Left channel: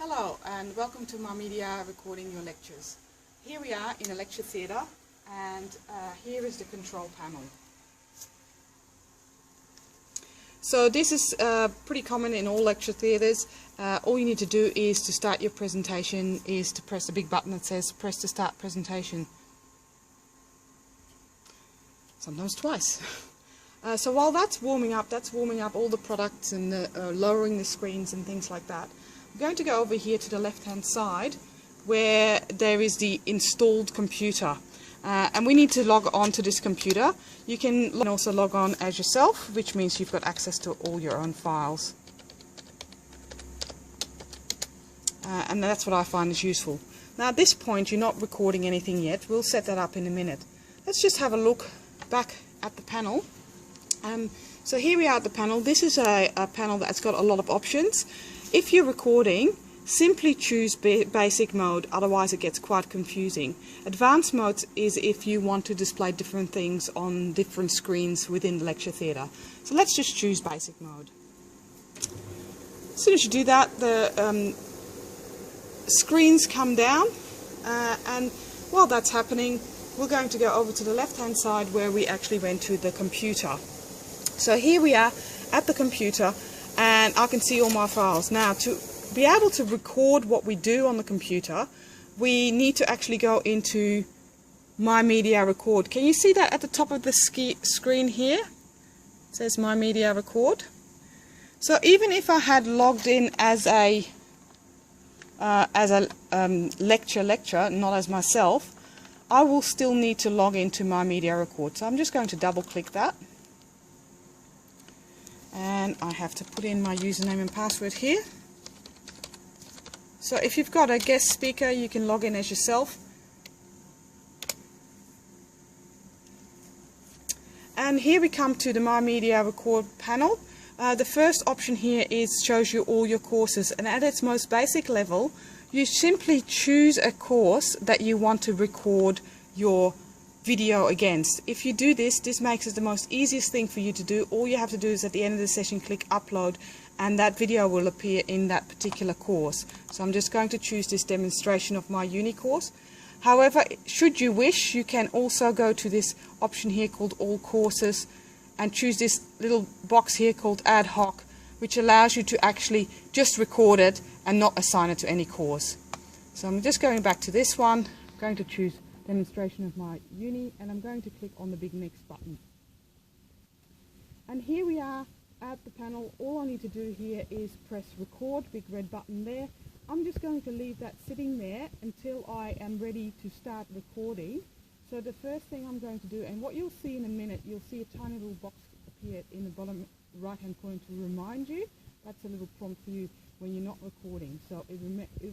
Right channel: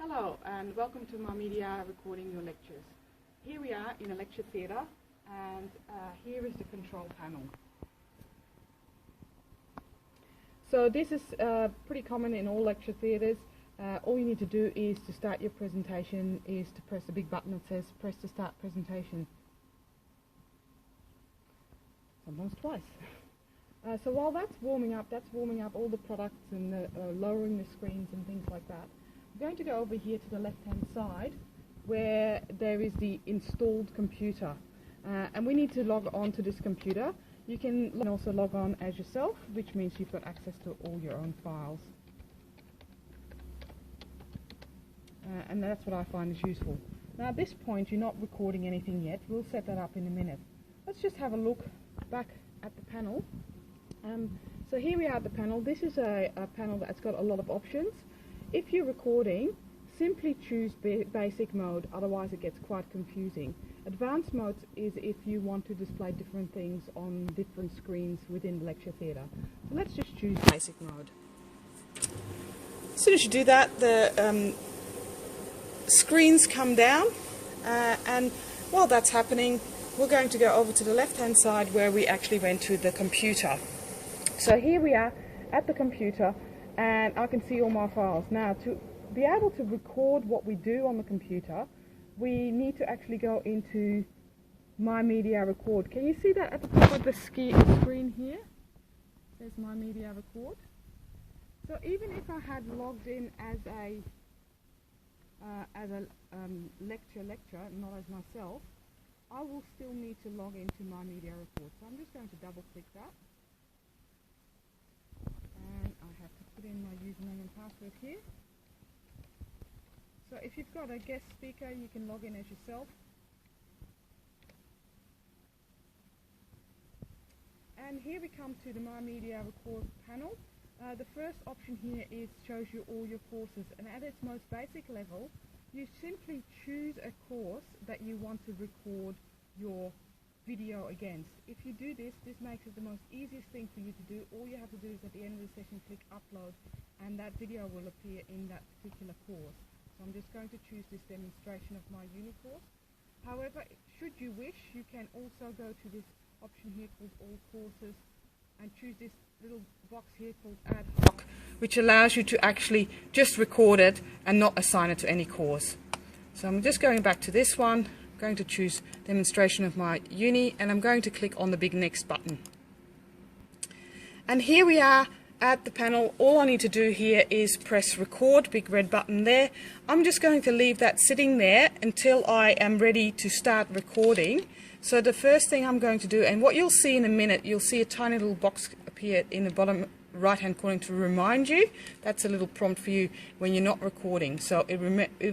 Hello and welcome to MyMedia recording your lectures. Here we are in a lecture theatre and here is the control panel. So this is pretty common in all lecture theatres. All you need to do is to start your presentation is to press the big button that says press to start presentation. Sometimes twice. So while that's warming up all the products and lowering the screens and things like that. I'm going to go over here to the left hand side where there is the installed computer and we need to log on to this computer. You can also log on as yourself, which means you've got access to all your own files, and that's what I find is useful. Now at this point you're not recording anything yet. We'll set that up in a minute. Let's just have a look back at the panel. So here we are at the panel. This is a panel that's got a lot of options. If you're recording, simply choose basic mode, otherwise it gets quite confusing. Advanced mode is if you want to display different things on different screens within the lecture theatre. So let's just choose basic mode. As soon as you do that, the screens come down and while that's happening, we're going to go over to the left hand side where we actually went to the computer. So here we are at the computer and I can see all my files. Now to be able to record what we do on the computer, we need to actually go into MyMedia Record. Can you see that at the top of the screen here? It says MyMedia Record. So even if I had logged in as a lecturer, not as myself, I will still need to log into MyMedia Record. So I'm just going to double click that. And I have to put in my username and password here. So if you've got a guest speaker, you can log in as yourself. And here we come to the MyMedia Record panel. The first option here shows you all your courses, and at its most basic level, you simply choose a course that you want to record your video against. If you do this, this makes it the most easiest thing for you to do. All you have to do is at the end of the session click upload and that video will appear in that particular course. So I'm just going to choose this demonstration of my uni course. However, should you wish, you can also go to this option here called all courses and choose this little box here called ad hoc, which allows you to actually just record it and not assign it to any course. So I'm just going back to this one. I'm going to choose demonstration of my uni and I'm going to click on the big next button. And here we are at the panel. All I need to do here is press record, big red button there. I'm just going to leave that sitting there until I am ready to start recording. So the first thing I'm going to do, and what you'll see in a minute, you'll see a tiny little box appear in the bottom right hand corner to remind you. That's a little prompt for you when you're not recording. So it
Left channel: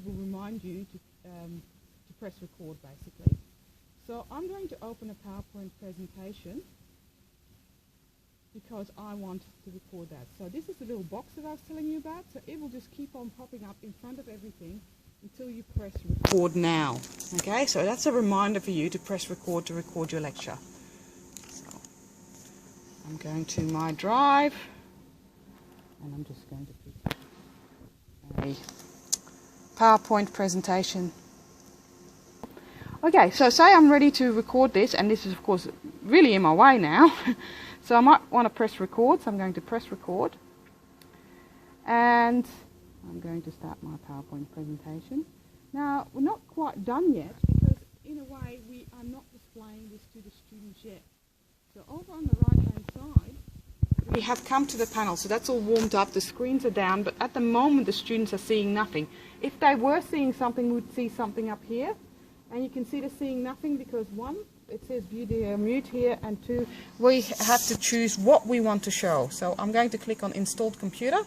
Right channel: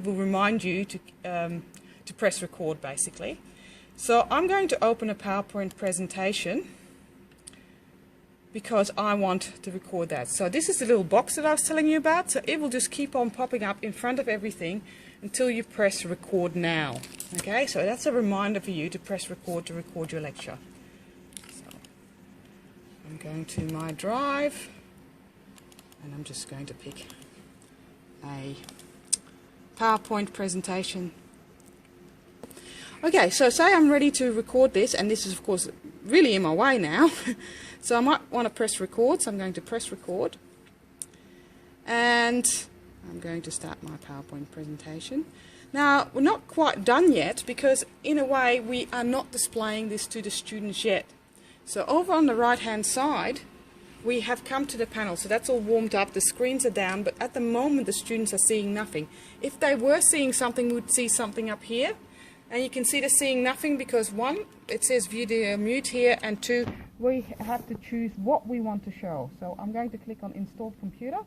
will remind you to press record basically. So I'm going to open a PowerPoint presentation because I want to record that. So this is the little box that I was telling you about. So it will just keep on popping up in front of everything until you press record now. Okay, so that's a reminder for you to press record to record your lecture. So I'm going to my drive and I'm just going to pick a PowerPoint presentation. Okay, so say I'm ready to record this, and this is of course really in my way now. So I might want to press record, so I'm going to press record. And I'm going to start my PowerPoint presentation. Now, we're not quite done yet because in a way we are not displaying this to the students yet. So over on the right hand side, we have come to the panel. So that's all warmed up, the screens are down, but at the moment the students are seeing nothing. If they were seeing something, we'd see something up here. And you can see they're seeing nothing because one, it says view the mute here, and two, we have to choose what we want to show. So I'm going to click on installed computer.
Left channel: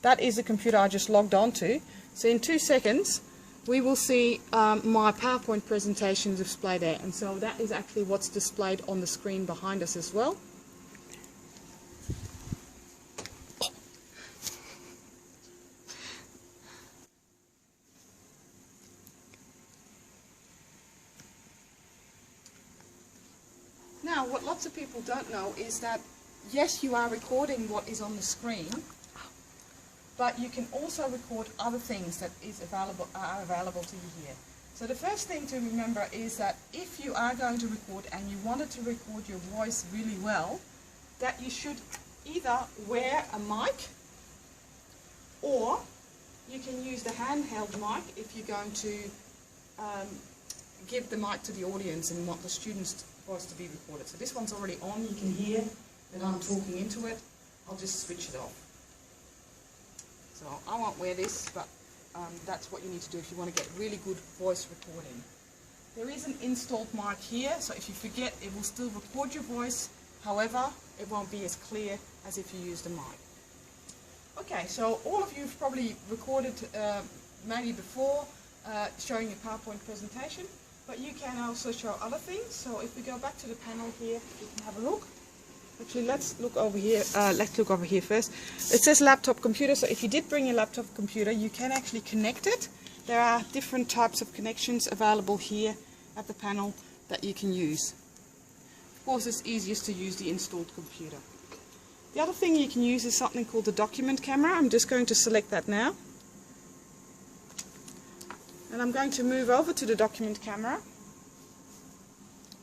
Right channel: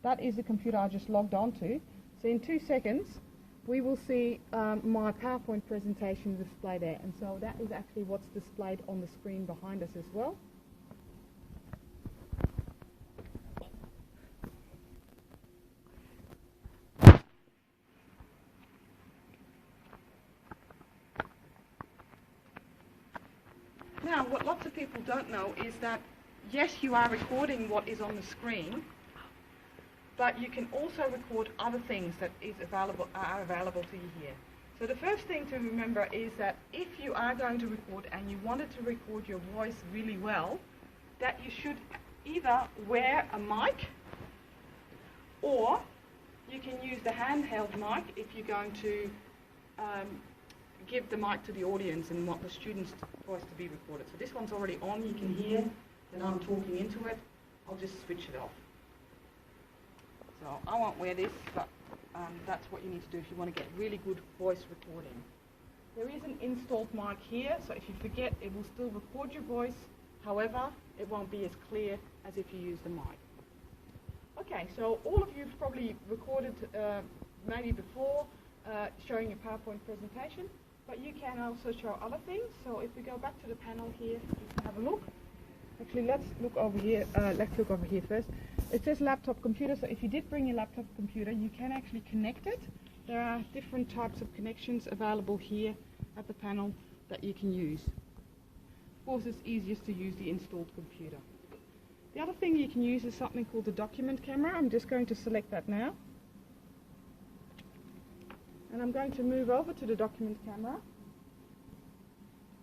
That is the computer I just logged on to. So in 2 seconds, we will see my PowerPoint presentation displayed there. And so that is actually what's displayed on the screen behind us as well. Now, what lots of people don't know is that, yes, you are recording what is on the screen, but you can also record other things that are available to you here. So the first thing to remember is that if you are going to record and you wanted to record your voice really well, that you should either wear a mic, or you can use the handheld mic if you're going to give the mic to the audience and want the student's voice to be recorded. So this one's already on, you can hear that I'm talking into it. I'll just switch it off. So I won't wear this, but that's what you need to do if you want to get really good voice recording. There is an installed mic here, so if you forget, it will still record your voice. However, it won't be as clear as if you used a mic. Okay, so all of you have probably recorded maybe before showing a PowerPoint presentation, but you can also show other things. So if we go back to the panel here, you can have a look. Actually, let's look over here. Let's look over here first. It says laptop computer, so if you did bring your laptop computer, you can actually connect it. There are different types of connections available here at the panel that you can use. Of course, it's easiest to use the installed computer. The other thing you can use is something called the document camera. I'm just going to select that now. And I'm going to move over to the document camera.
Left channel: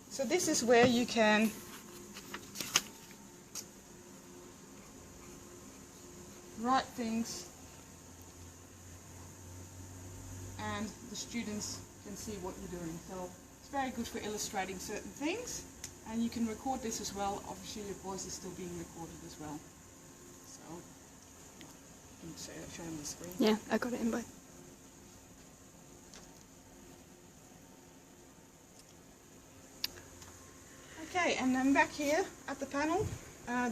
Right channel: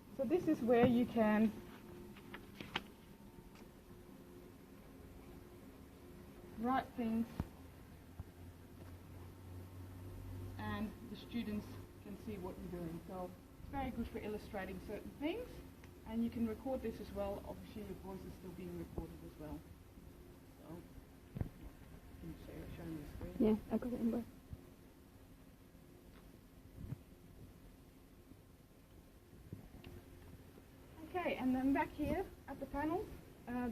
So this is where you can write things and the students can see what you're doing. So it's very good for illustrating certain things, and you can record this as well. Obviously your voice is still being recorded as well. So you can show them the screen. Yeah, I got it in both. Okay, and then back here at the panel,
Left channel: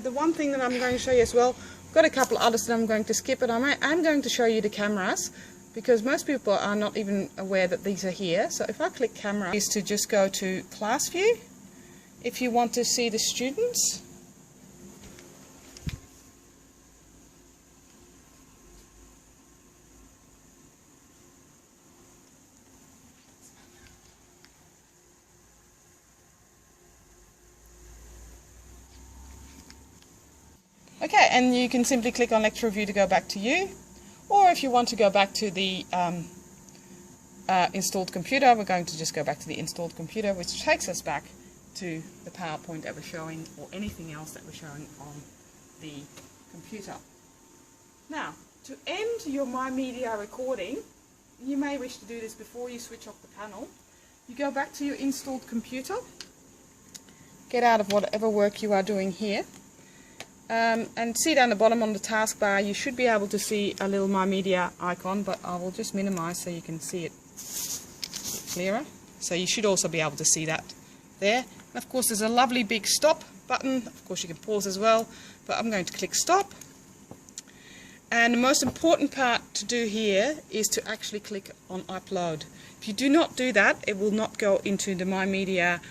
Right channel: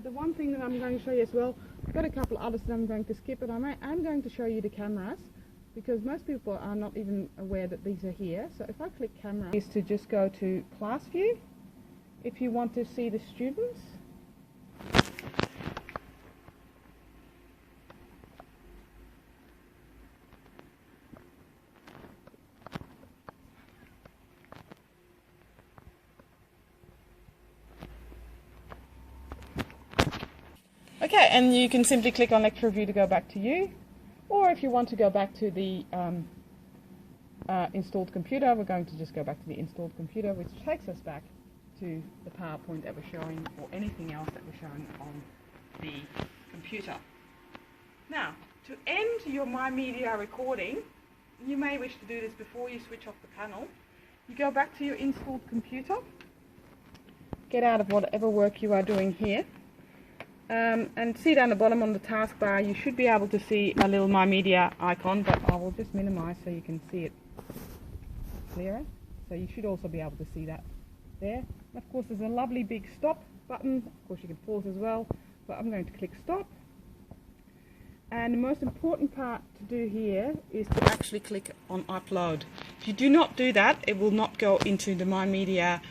the one thing that I'm going to show you as well, I've got a couple others that I'm going to skip, but I'm going to show you the cameras, because most people are not even aware that these are here. So if I click camera, is to just go to class view. If you want to see the students, okay, and you can simply click on lecture view to go back to you, or if you want to go back to the installed computer, we're going to just go back to the installed computer, which takes us back to the PowerPoint that we're showing, or anything else that we're showing on the computer. Now, to end your MyMedia recording, you may wish to do this before you switch off the panel. You go back to your installed computer, get out of whatever work you are doing here, and see down the bottom on the taskbar, you should be able to see a little MyMedia icon, but I will just minimize so you can see it clearer. So you should also be able to see that there. And of course there's a lovely big stop button. Of course you can pause as well, but I'm going to click stop. And the most important part to do here is to actually click on upload. If you do not do that, it will not go into the MyMedia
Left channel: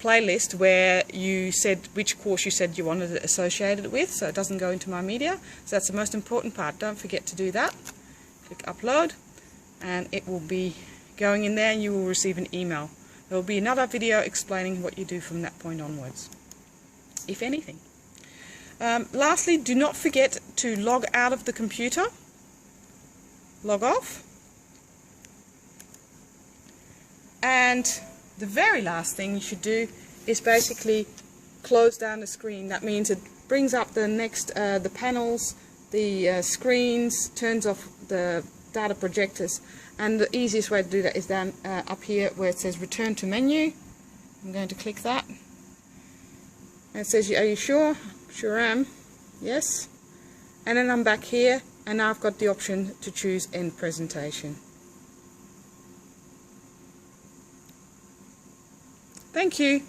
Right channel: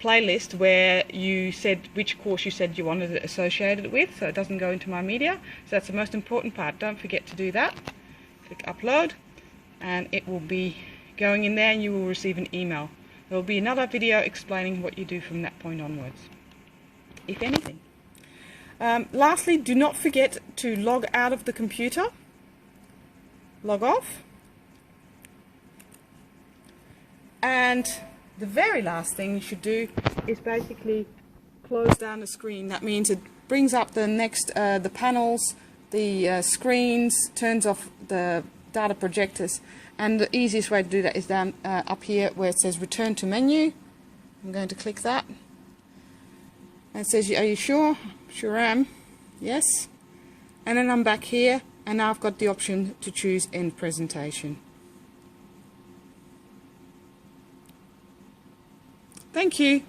playlist where you said which course you said you wanted it associated with, so it doesn't go into MyMedia. So that's the most important part. Don't forget to do that. Click upload and it will be going in there, and you will receive an email. There will be another video explaining what you do from that point onwards, if anything. Lastly, do not forget to log out of the computer, log off, and the very last thing you should do is basically close down the screen. That means it brings up the next, the panels, the screens, turns off the data projectors, and the easiest way to do that is down up here where it says return to menu. I'm going to click that, and it says, are you sure? Sure am. Yes. And then I'm back here, and now I've got the option to choose end presentation. Thank you.